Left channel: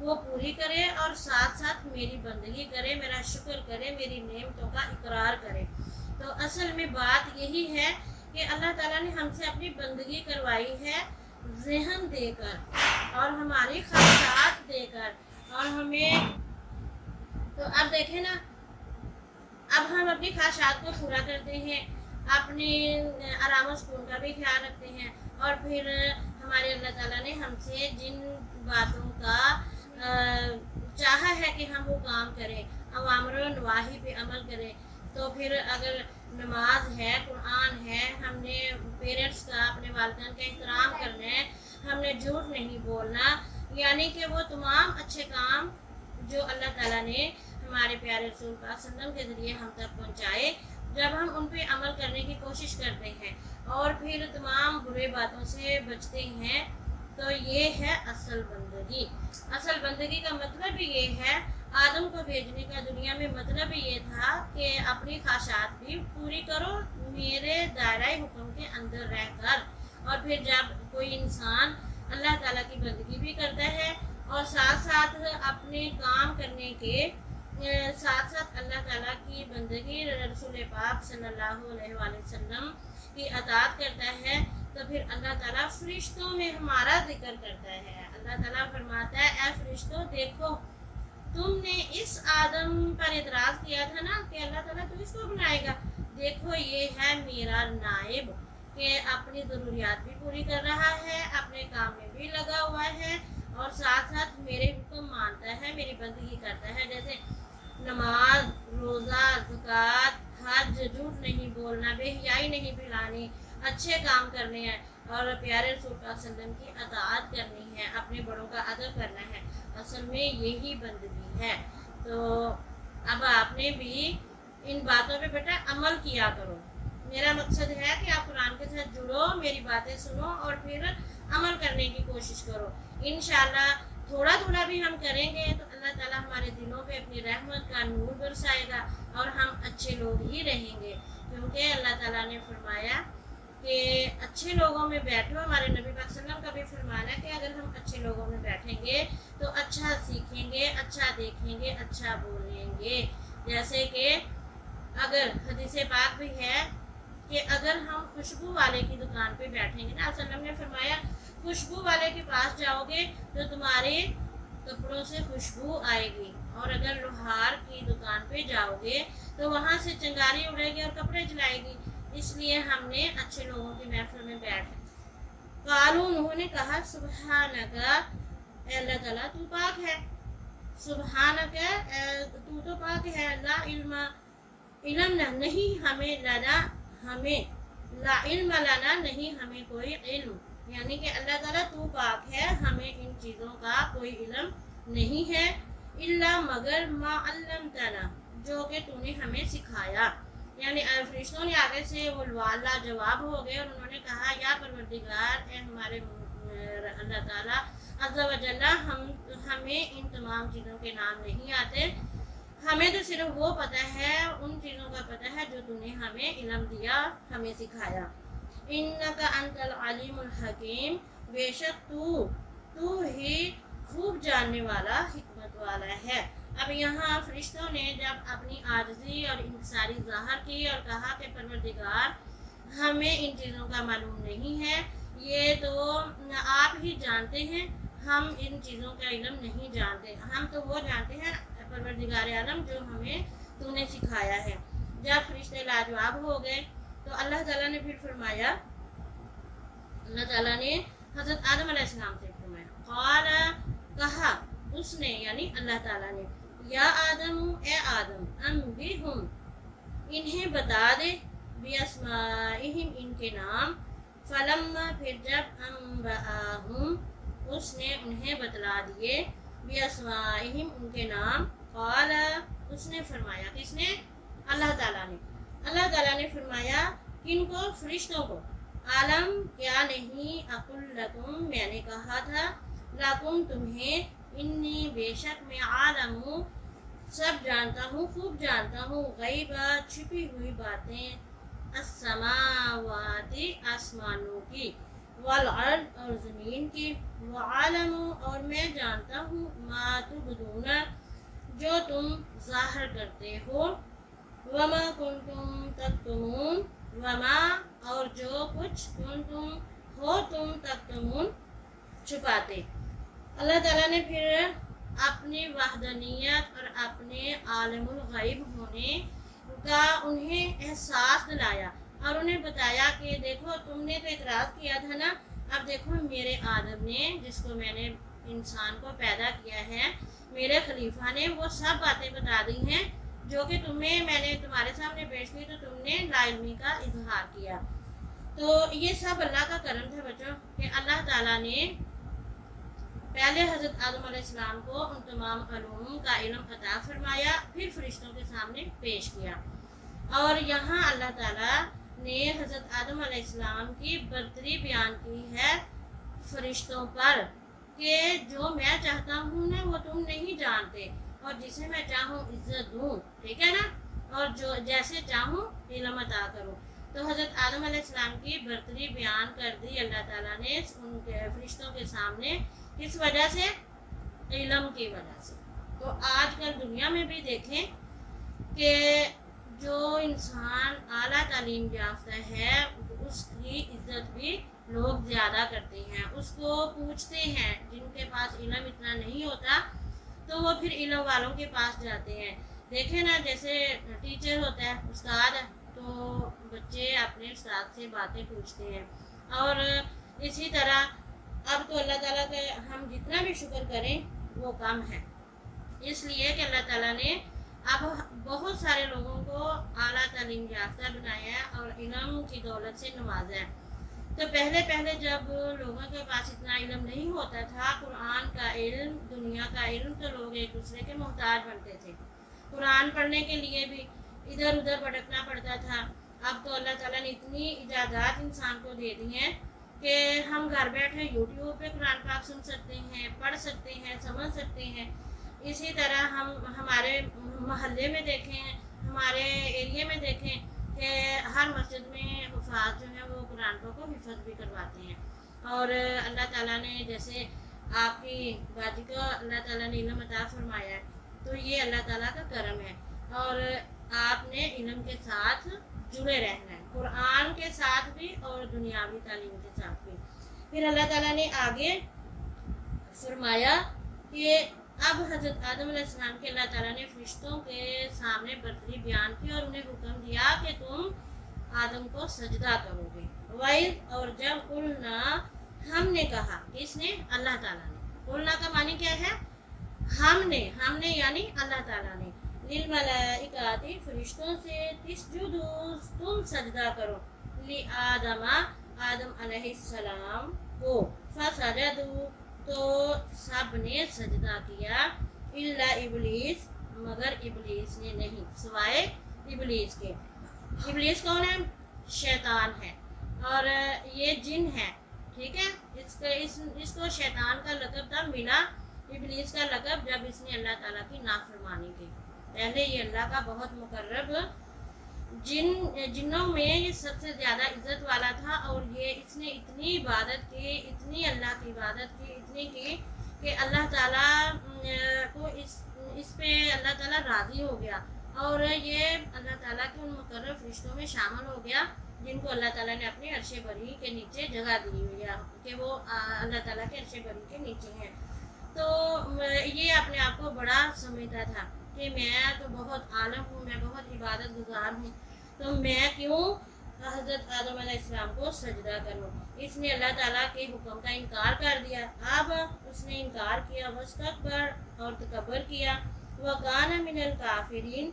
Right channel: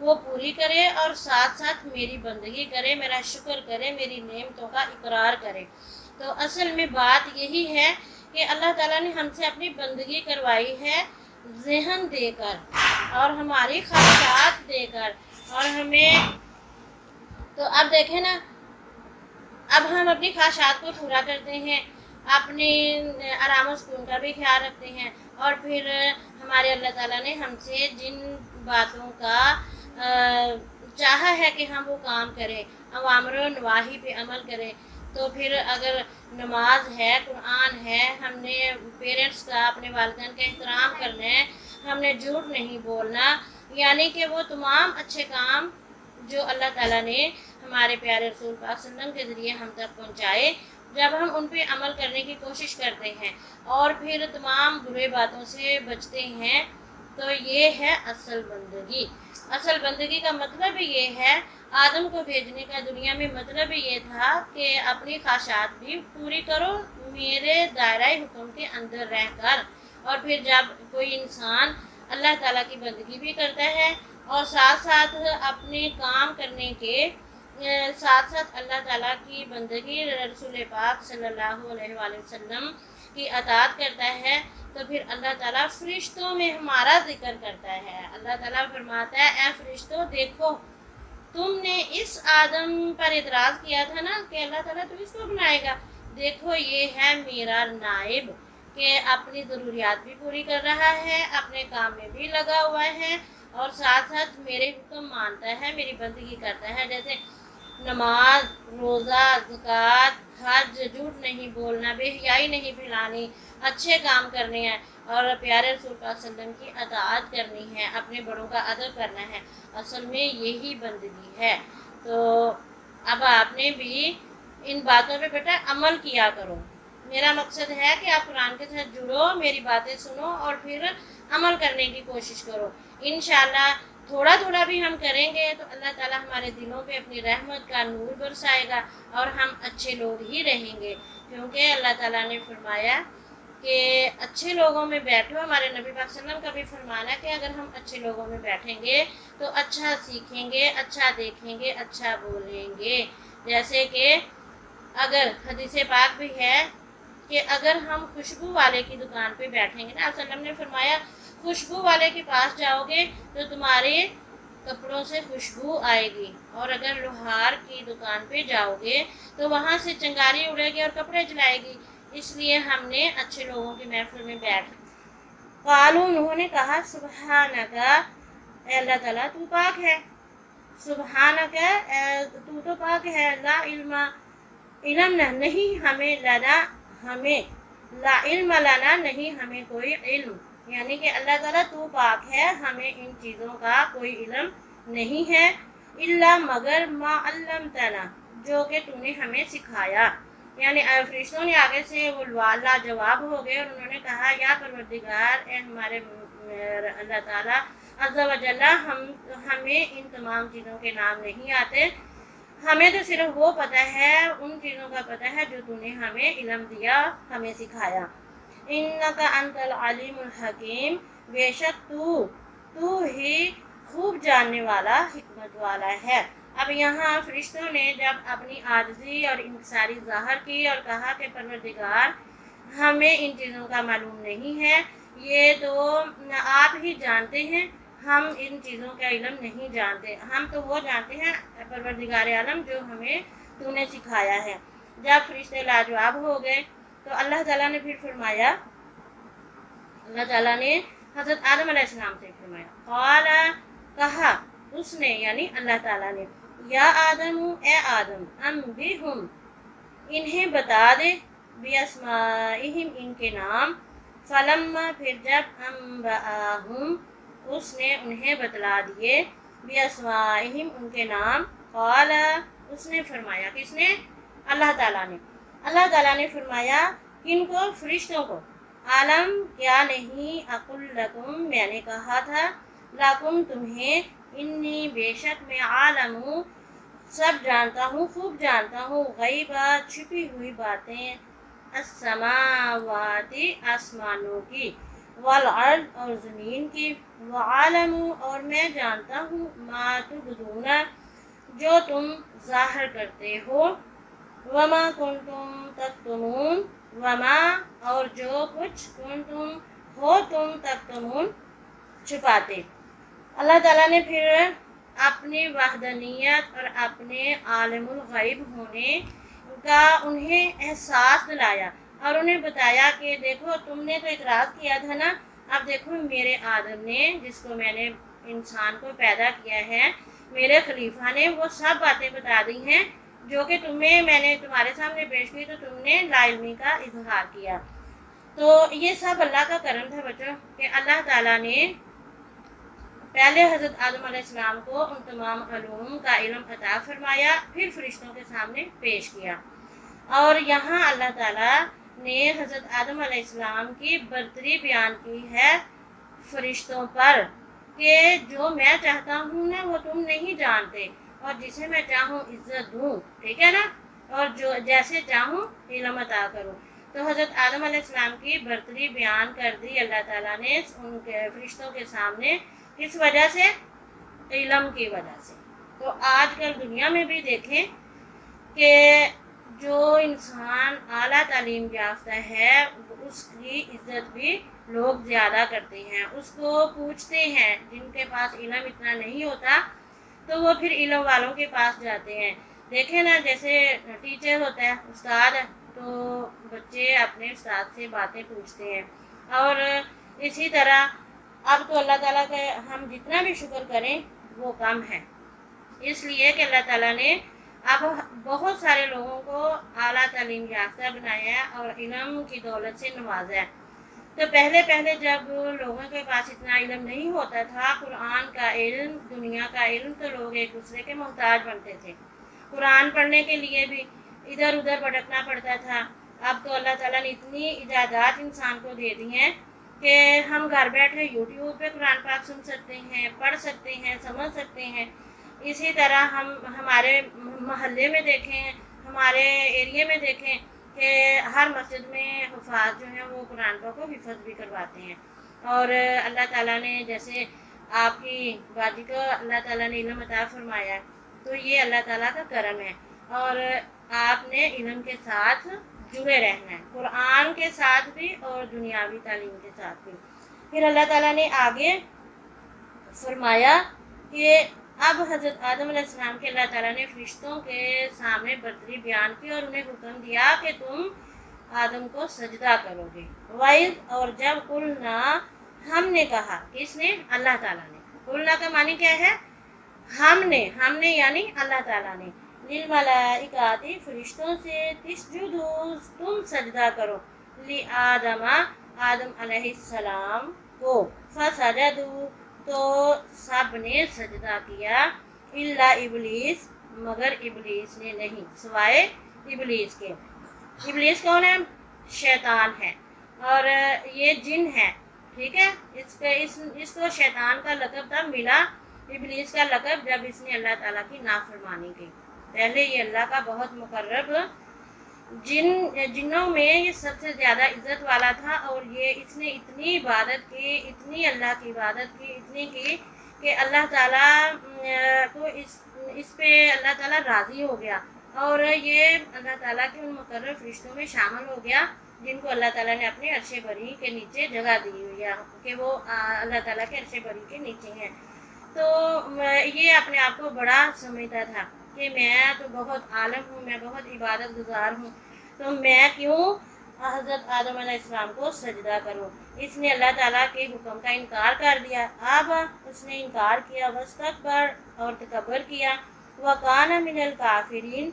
وہ پوری کرے اور ساتھ ساتھ میری بندگی کرے، میرا شکر کرے، میری نعمتوں کا اقرار کرے۔ تو اصل میں بات یہی ہے کہ اللہ تعالیٰ نے ہم سے اپنی بندگی کروائی ہے ذہن دے کر اور ہماری خواہشات دے کر، اور ہمیں تو اب دیکھیں نا، اب ہم اپنی خواہشات کو پورا کرتے ہیں، اپنی آرام و سکون کا بھی خیال رکھتے ہیں، اور پھر ہمارے اللہ تعالیٰ نے ہم سے جن باتوں کا چاہا ہے کہ ہم وہ کام کریں، اوامر و نواہی پہ عمل کریں، تو پھر اگر نماز ہے، قرآن ہے، ہم نے پیرنٹس کا، اپنے والدین کا احترام کرنا ہے، ہم نے جھوٹ نہیں بولنا، یعنی کہ وہ تمام اچھے کام جو اللہ تعالیٰ نے ہمارے پیارے رسول پاک صلی اللہ علیہ وسلم کے ذریعے ہم تک پہنچائے، جب ہم ان پہ عمل کرنے کی کوشش کرتے ہیں اور پھر تمام برے باتوں سے بچتے ہیں، تو یہ ہے اصل بندگی۔ اصل بندگی کا مطلب یہ ہے، آدم کو بھیجنے کا دنیا میں مطلب یہ تھا کہ اپنی خواہشات بھی پوری کرو میرے دائرۂ حکم کے اندر رہ کر، اور پھر جب کوئی انسان اللہ تعالیٰ کی بندگی بھی کرتا ہے اور ساتھ ساتھ اپنے کام کرنے کے ساتھ ساتھ اللہ تعالیٰ کی بندگی، رسول پاک صلی اللہ علیہ وآلہ وسلم کی اطاعت کرتا ہے، تو پھر اللہ تعالیٰ فرشتوں میں ہمارا ذکر کرتا ہے۔ اللہ تعالیٰ فرماتا ہے، اے فرشتوں دیکھو، تم نے اس آدم پر اعتراض کیا تھا نا کہ اللہ تعالیٰ تو اس کو بنائے گا، دیکھو یہ ہے میرا نائب کہ اپنی ضروریات بھی پوری کر رہا ہے، اپنے کام میں بھی لگا ہوا ہے، اور ساتھ ساتھ میرے حکم مانتا ہے، میری بندگی کرتا ہے، جیسے نماز، روزہ، زکوٰۃ، حج، جھوٹ نہیں بولنا، بے حیائی نہیں پھیلانی، اچھے کام کرنے ہیں، اور پیارے رسول صلی اللہ علیہ وسلم کی اطاعت کرنی ہے، اپنے بڑوں کا ادب کرنا ہے، اصل میں یہی بندگی ہے۔ تو اب آپ نے بھی ان باتوں پہ بیٹا عمل کیا کرو۔ میرا مقصد ہے کہ آپ قرآن کے ساتھ جڑو، میری باتیں سنو اور پھر عمل کرنے کی کوشش کرو۔ انشاءاللہ تھوڑا تھوڑا بھی ہم کریں گے تو اللہ تعالیٰ ہمارے دلوں پہ اپنی رحمت کا نور برسائے گا اور ہم اچھے لوگ ہی رہیں گے، کیونکہ اللہ تعالیٰ نے فرمایا کہ اچھے لوگوں میں بیٹھو۔ ہمارے نبی پاک صلی اللہ علیہ وسلم کا بھی فرمانا ہے کہ اگر ہم اچھے لوگوں میں بیٹھیں گے تو اچھا سیکھیں گے، اچھا دیکھیں گے، اچھا بولیں گے۔ جیسے کہ اگر حدیث پاک بھی ہے کہ اگر ہم خوشبو والے کی دکان پہ بیٹھیں گے نا، آپ صلی اللہ علیہ وسلم نے فرمایا خوشبو والے کے پاس جاؤ گے تو تمہارے کپڑوں سے خوشبو آئے گی، اور اگر لوہار کی دکان پہ جاؤ گے تو وہاں سے چنگاری اڑے گی اور کپڑے جلائے گی۔ اس لیے ہم نے اچھے لوگوں کی محفل میں بیٹھ قالوا، انہوں نے کہا سبحانک، اے اللہ تعالیٰ تو پاک ہے، سبحانک تو تو پاک ہے، لا علم، علم نہیں ہمیں، لنا ہمیں، لا علم لنا نہیں ہمیں کوئی علم، یعنی کہ اللہ تعالیٰ تو پاک ہے، ہمیں ان چیزوں کا کوئی علم نہیں ہے، الا مگر ما علمتنا، جو کہ تو نے ہمیں سکھایا۔ یعنی فرشتوں نے آگے سے وہ لاجواب ہو گئے اور انہوں نے کہا یا پروردگار، اے ہمارے اللہ تعالیٰ عز و جل، ہمیں ان تمام چیزوں کے نام نہیں آتے، ہمیں تو صرف وہ پتہ ہے، ان چیزوں کا پتہ ہے جو تو نے ہمیں علم دیا، ہمیں سکھایا۔ انک انت العلیم الحکیم، بے شک تو ہی خوب جاننے والا، حکمت والا ہے۔ اب یہاں فرشتوں نے جب اپنی عاجزی اور انکساری ظاہر کی اور کہا کہ پروردگار ہمیں ان چیزوں کا معلوم نہیں ہے، یہ تو آپ ہی جانتے ہیں، ہم ان چیزوں کا علم نہیں جانتے، ہم تو وہ جانتے ہیں پروردگار عالم جو ہمیں تو نے سکھایا ہے۔ جب فرشتے لاجواب ہو گئے تو اللہ تعالیٰ نے پھر فرمایا، اللہ تعالیٰ نے حضرت آدم علیہ السلام سے فرمایا، قال، کہا اس نے یعنی اللہ تعالیٰ نے، یا آدم، اے آدم، انبئہم، انہیں بتا دے، باسمائہم، ان کے نام، فلما، پھر جب انبأہم، اس نے انہیں بتلا دیے، باسمائہم، ان کے نام، قال، اس نے فرمایا، کس نے؟ اللہ تعالیٰ نے، اللہ تعالیٰ نے فرمایا کن کو؟ فرشتوں کو، عالم کیا نہیں، اقل لکم، میں نے کہا تھا، لکم تمہیں، انی بے شک میں، عالم ہوں، سب جانتا ہوں، خوب جانتا ہوں، غیبہ، چھپی ہوئی باتیں، السماوات، آسمانوں کی، والارض اور زمین کی، وعالم اور میں جانتا ہوں، ما تبدون جو تم ظاہر کرتے ہو، وما کنتم تکتمون وما اور جو کچھ کنتم ہو تم تکتمون چھپاتے۔ اللہ تعالیٰ نے پھر اپنی وحدانیت اور اپنے عالم الغیب ہونے کا انہیں احساس دلایا اور انہیں بتایا کہ دیکھو تم نے تو اعتراض کیا تھا نا، اب دیکھو میرے آدم نے، جس کو میں نے انسان کو پیدا کیا ہے، میرے خلیفہ نے وہ سب باتیں بتا دی ہیں جو کہ تمہیں میں نے تمہارے سامنے پیش کی، تو تم نے لا علمی کا اظہار کیا۔ تو یہ سب اللہ کا کرم تھا بچوں کہ اللہ تعالیٰ نے پہلے حضرت آدم علیہ السلام کو ان تمام علوم کا علم عطا فرمایا، پھر فرشتوں کے سامنے پیش کیا، اور یہاں اللہ تعالیٰ نے حضرت آدم علیہ السلام کی برتری بیان کی ہے فرشتوں پر کہ جو میں چاہتا ہوں نا وہ تم نہیں جانتے، اور جسے میں چاہوں عزت دوں، ٹھیک ہے نا، اور جو جیسے چاہوں علم عطا کروں۔ تو حضرت آدم علیہ السلام کی برتری بیان کر دی اللہ تعالیٰ نے ان کے فرشتوں کے سامنے، کس وجہ سے؟ علم کی وجہ سے۔ تو آج کل دنیا میں بھی دیکھیں کہ جو انسان اعلیٰ تعلیم یافتہ ہے اس کی عزت بھی لوگ زیادہ کرتے ہیں، اس کو پوچھتے ہیں، جن کے پاس علم اتنا نہیں ہوتا تو وہ پھر علم والوں کے پاس جاتے ہیں۔ دیکھیں نا، جیسے ٹیچر ہوتا ہے، استاد ہے، تو بچے اپنے استاد سے باتیں پوچھتے ہیں، اور اسی طرح اب تو اللہ تعالیٰ کا ہم جتنا بھی شکر کریں وہ کم ہے، اس لیے کہ اللہ تعالیٰ نے اب بہت سارے لوگوں کو اعلیٰ تعلیم یافتہ بنایا ہے اور علم کی دولت سے نوازا ہے۔ تو پہلے جب لوگوں کے پاس اتنا علم نہیں ہوتا تھا، قرآن کا علم، دنیا کا علم، تو لوگ ایک دوسرے کے محتاج بنتے تھے، قرآن پڑھنے کے لیے بھی ادھر ادھر بھٹکنا پڑتا تھا۔ اب تو اللہ تعالیٰ نے اتنی ایجادات انسان کو دے دی ہیں کہ ہم گھر بیٹھے یوٹیوب پہ قرآن پاک سن سکتے ہیں، پڑھ سکتے ہیں، سمجھ سکتے ہیں۔ اسی طرح ہم ہمارے محلے میں دیکھیں، ہمارے ایریے میں دیکھیں کہ ہر مسجد میں حفاظ جو ہیں وہ قرآن پاک کو حفظ بھی کرواتے ہیں، اور اللہ تعالیٰ نے جیسے آپ کی باجی کو اللہ تعالیٰ نے علم عطا فرمایا ہے، تو یہ اللہ تعالیٰ کا کرم ہے، اور آپ نے علم کے ساتھ جڑے رہنا ہے، قرآن کے ساتھ بھی اور دنیاوی تعلیم کے ساتھ بھی۔ پھر اللہ تعالیٰ نے آگے فرمایا کہ اب حضرت آدم علیہ السلام کے اللہ تعالیٰ نے فرشتوں کے سامنے برتری بیان کی اور انہیں حکم دیا کہ تم آدم کو سجدہ کرو گے۔ وَإِذْ اور جب قُلْنَا ہم نے کہا، کس نے؟ اللہ تعالیٰ نے۔ قُلْنَا کا معنی کیا ہے؟ ہم نے یعنی اللہ تعالیٰ نے، للملائکات فرشتوں سے، تسجدوا تم سجدہ کرو، لآدم آدم علیہ السلام کو، فسجدوا تو سب نے سجدہ کیا، الا ابلیس مگر ابلیس نے نہیں، سوائے ابلیس کے۔ ابلیس کون ہے؟ شیطان ہے، اور یہ جن ہے، ٹھیک ہے، اس کو شیطان کا لقب تب ملا، ابلیس کا لقب، جب اس نے اللہ تعالیٰ کی نافرمانی کی۔ پہلے یہ اللہ کا بہت مقرب جنوں میں یہ سب سے زیادہ عزت والا تھا، اور یہ اس نے اتنی عبادت کی، اتنی اللہ کی عبادت کی، اتنی کی کہ اللہ تعالیٰ کو اس پہ اللہ تعالیٰ راضی ہو گیا، اور یہ اللہ تعالیٰ کے ان مقرب فرشتوں میں شامل ہو گیا جن کو اللہ تعالیٰ نے اپنے عرش بری کے نیچے جگہ دی ہوئی ہے کہ وہ اللہ تعالیٰ کے عرش بری کے نیچے ہیں۔ تو یہ اپنے آپ کو بڑا سمجھتا تھا کہ میں تو بہت عالم ہوں، میں بہت عبادت گزار ہوں، تو میں کیوں حضرت آدم علیہ السلام کو سجدہ کروں۔ اس نے اللہ تعالیٰ کے حکم کا انکار کر دیا، اب اس نے انکار کیا، واستکبر اور تکبر کیا، وکان من الکافرین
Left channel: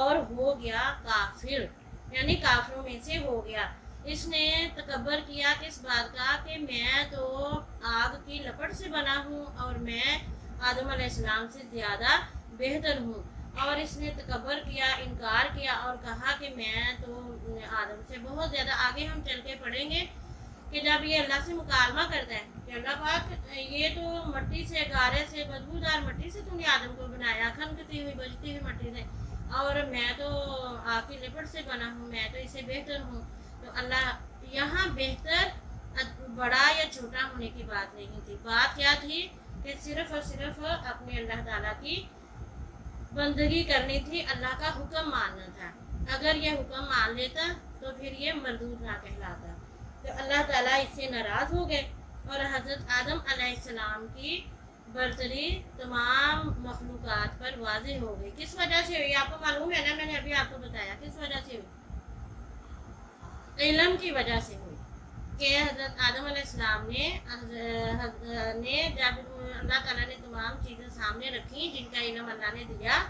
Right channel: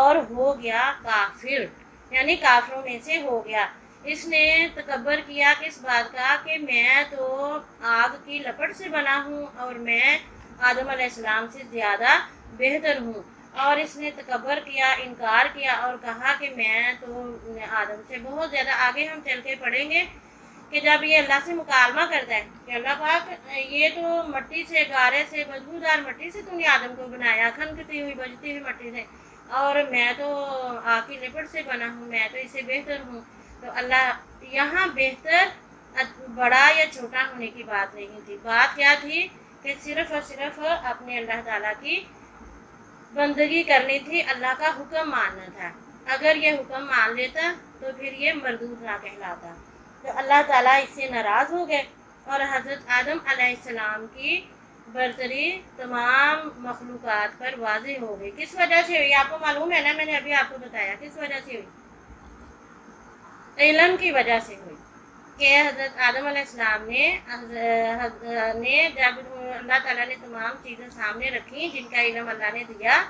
اور ہو گیا کافر، یعنی کافروں میں سے ہو گیا۔ اس نے تکبر کیا کس بات کا؟ کہ میں تو آگ کی لپٹ سے بنا ہوں اور میں آدم علیہ السلام سے زیادہ بہتر ہوں، اور اس نے تکبر کیا، انکار کیا اور کہا کہ میں تو آدم سے بہت زیادہ۔ آگے ہم چل کے پڑھیں گے کہ جب یہ اللہ سے مکالمہ کرتا ہے کہ اللہ پاک یہ تو مٹی سے، گارے سے، بدبودار مٹی سے تو نے آدم کو بنایا، کھنکتی ہوئی بجتی ہوئی مٹی سے، اور میں تو آگ کی لپٹ سے بنا ہوں، میں تو اس سے بہتر ہوں۔ تو اللہ یہاں بہتر بڑا یا چھوٹا ہونے کی بات نہیں تھی. بات کیا تھی کہ صرف اور صرف اپنے اللہ تعالیٰ کی بندگی کرنی تھی, اللہ کا حکم ماننا تھا. اگر یہ حکم مان لیتا تو پھر یہ مردود نہ کہلاتا. تو اللہ تعالیٰ اس سے ناراض ہو گئے اور حضرت آدم علیہ السلام کی برتری تمام مخلوقات پر واضح ہو گئی. کس وجہ سے ہوئی آپ کو معلوم ہے نا, میں نے ابھی آپ کو بتایا کس وجہ سے ہوئی. علم کی وجہ سے ہوئی کہ حضرت آدم علیہ السلام نے جب اللہ تعالیٰ نے تمام چیزیں سامنے رکھی جن کا علم اللہ نے دیا,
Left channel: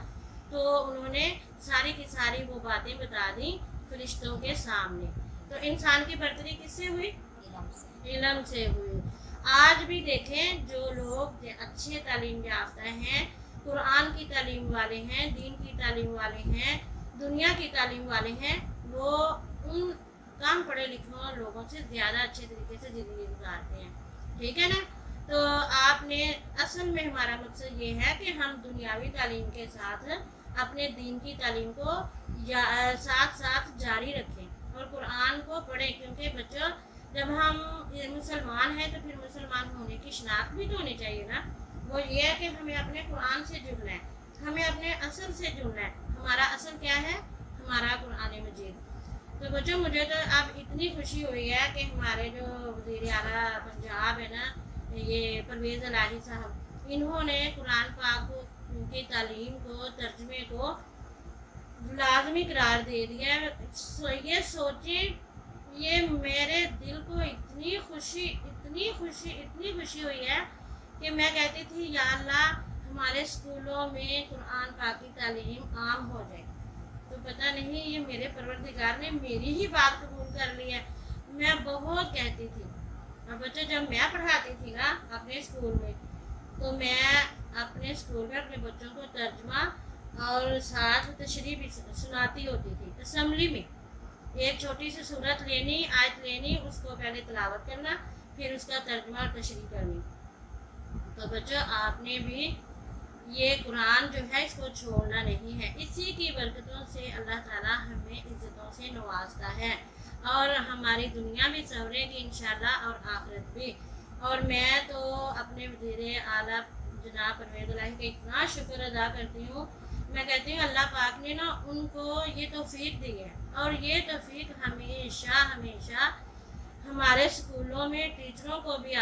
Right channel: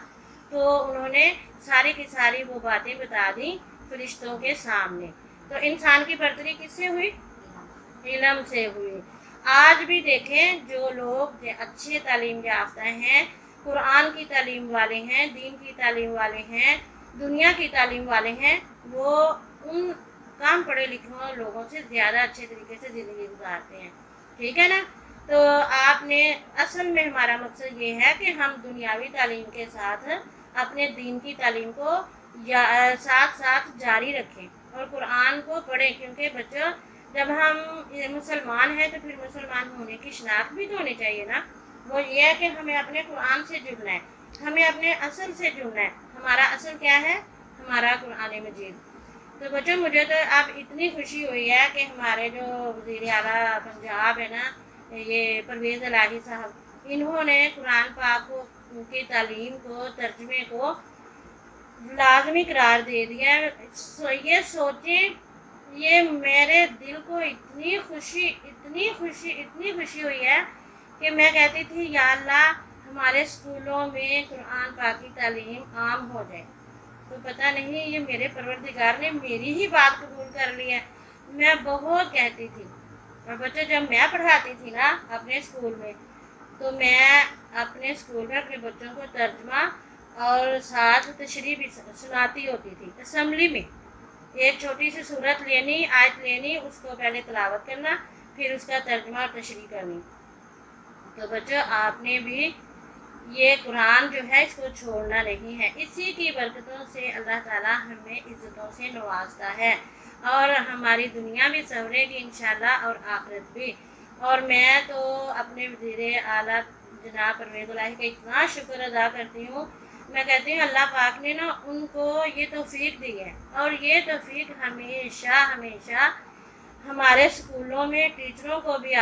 تو انہوں نے ساری کی ساری وہ باتیں بتا دیں فرشتوں کے سامنے. تو انسان کی برتری کس سے ہوئی؟ علم سے ہوئی. آج بھی دیکھیں جو لوگ اچھے تعلیم یافتہ ہیں, قرآن کی تعلیم والے ہیں, دین کی تعلیم والے ہیں, دنیا کی تعلیم والے ہیں, وہ ان کام پڑھے لکھے لوگوں سے زیادہ اچھے طریقے سے زندگی گزارتے ہیں. ٹھیک ہے نا. تو آپ نے اصل میں ہمارا مقصد یہ ہے کہ ہم دنیاوی تعلیم کے ساتھ اپنے دین کی تعلیم کو ساتھ ساتھ جاری رکھیں اور قرآن کو پڑھیں, کیونکہ بچوں جب ہم مسلمان ہیں تو پھر مسلمان ہونے کی شناخت بھی تو ہونی چاہیے نا. وہ یہ ہے کہ ہمیں اپنے قرآن سے جڑنا ہے, ہمیں اپنے اصل سے جڑنا ہے. ہمارا اصل کیا ہے؟ ہمارا قرآن مجید. تو بچوں مجھے تو اب اتنی خوشی ہوئی ہے کہ ہمارے جو وزیر اعلیٰ پنجاب ہے نا, یہ پرویز الہی صاحب, انہوں نے قرآن پاک کی تعلیم کو, ترجمے کو لازمی قرار دے دیا ہے. یہ سوچیں, یہ میرے دل کو اتنی خوشی ہوئی ہے کہ میں کہتی تھی یا اللہ ہمارے اسکولوں میں قرآن پاک کی تعلیم عام ہو جائے. تو پتہ نہیں یہ میرے پروردگار نے میری ہی بات قبول کر لی ہے. میں بہت کہتی تھی, اور بچے جب میں پڑھاتی تھی نا اپنے اسکول میں, تو میں اپنے اسکول میں اپنے بچوں کو ترجمہ اور ساتھ تشریح بھی سناتی ہوتی تھی. اسمبلی میں ایک چھوٹی سی صورت لینی, آیت لینی, اس کو پہلے تلاوت کرنا, پھر اس کا ترجمہ اور تشریح کرنی. تو بچوں آپ نے بھی یہ قرآن جو ہے اس کو چھوڑنا نہیں ہے. اسی کی برکتوں سے اللہ تعالیٰ ہمیں عزتوں سے نوازتا ہے اور ہماری دنیا بھی سنورے گی انشاءاللہ اور آخرت بھی. اور میں تو اپنے وزیر اعلیٰ جناب پرویز الہی کا اتنا شکر ادا کرتی ہوں. میں کہتی ہوں اللہ پاک نے نا ان کو یہ توفیق دی ہے, اور یہ توفیق ہمیشہ ہمارے اسکولوں میں ٹیچروں کو بھی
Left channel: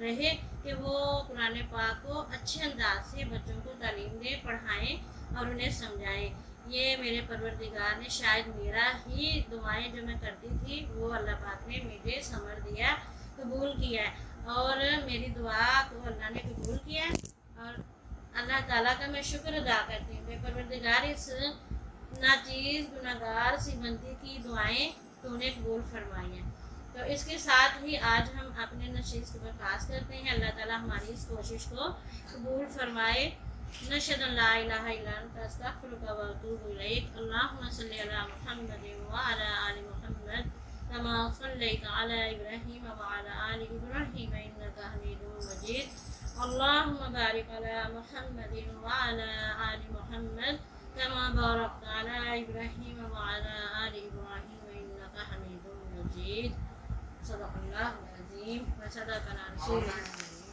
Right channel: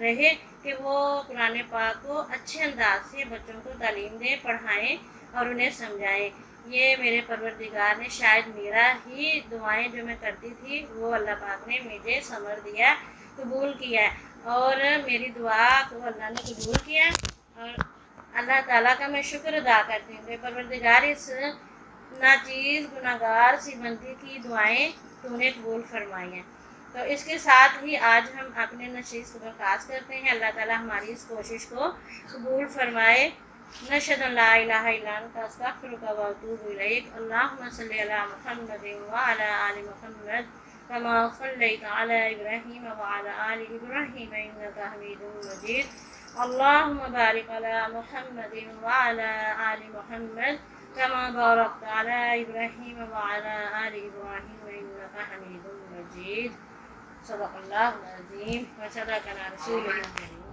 رہے کہ وہ قرآن پاک کو اچھے انداز سے بچوں کو تعلیم دیں, پڑھائیں اور انہیں سمجھائیں. یہ میرے پروردگار نے شاید میرا ہی دعائیں جو میں کرتی تھی وہ اللہ پاک نے مجھے ثمر دیا, قبول کیا, اور میری دعا کو اللہ نے قبول کیا. اور اللہ تعالیٰ کا میں شکر ادا کرتی ہوں کہ پروردگار اس ناچیز گناہگار سی بندی کی دعائیں تو نے قبول فرمائی ہیں. تو اس کے ساتھ ہی آج ہم اپنے نشست کو خاص کرتے ہیں. اللہ تعالیٰ ہماری اس کوشش کو قبول فرمائے. نشہد ان لا الہ الا انت استغفرک و اتوب الیک. اللہم صلی علی محمد وعلی آل محمد کما صلیت علی ابراہیم وعلی آل ابراہیم انک حمید مجید. اللہم بارک علی محمد وعلی آل محمد کما بارکت علی ابراہیم وعلی آل ابراہیم انک حمید مجید. صدق اللہ العظیم و صدق رسولہ الکریم.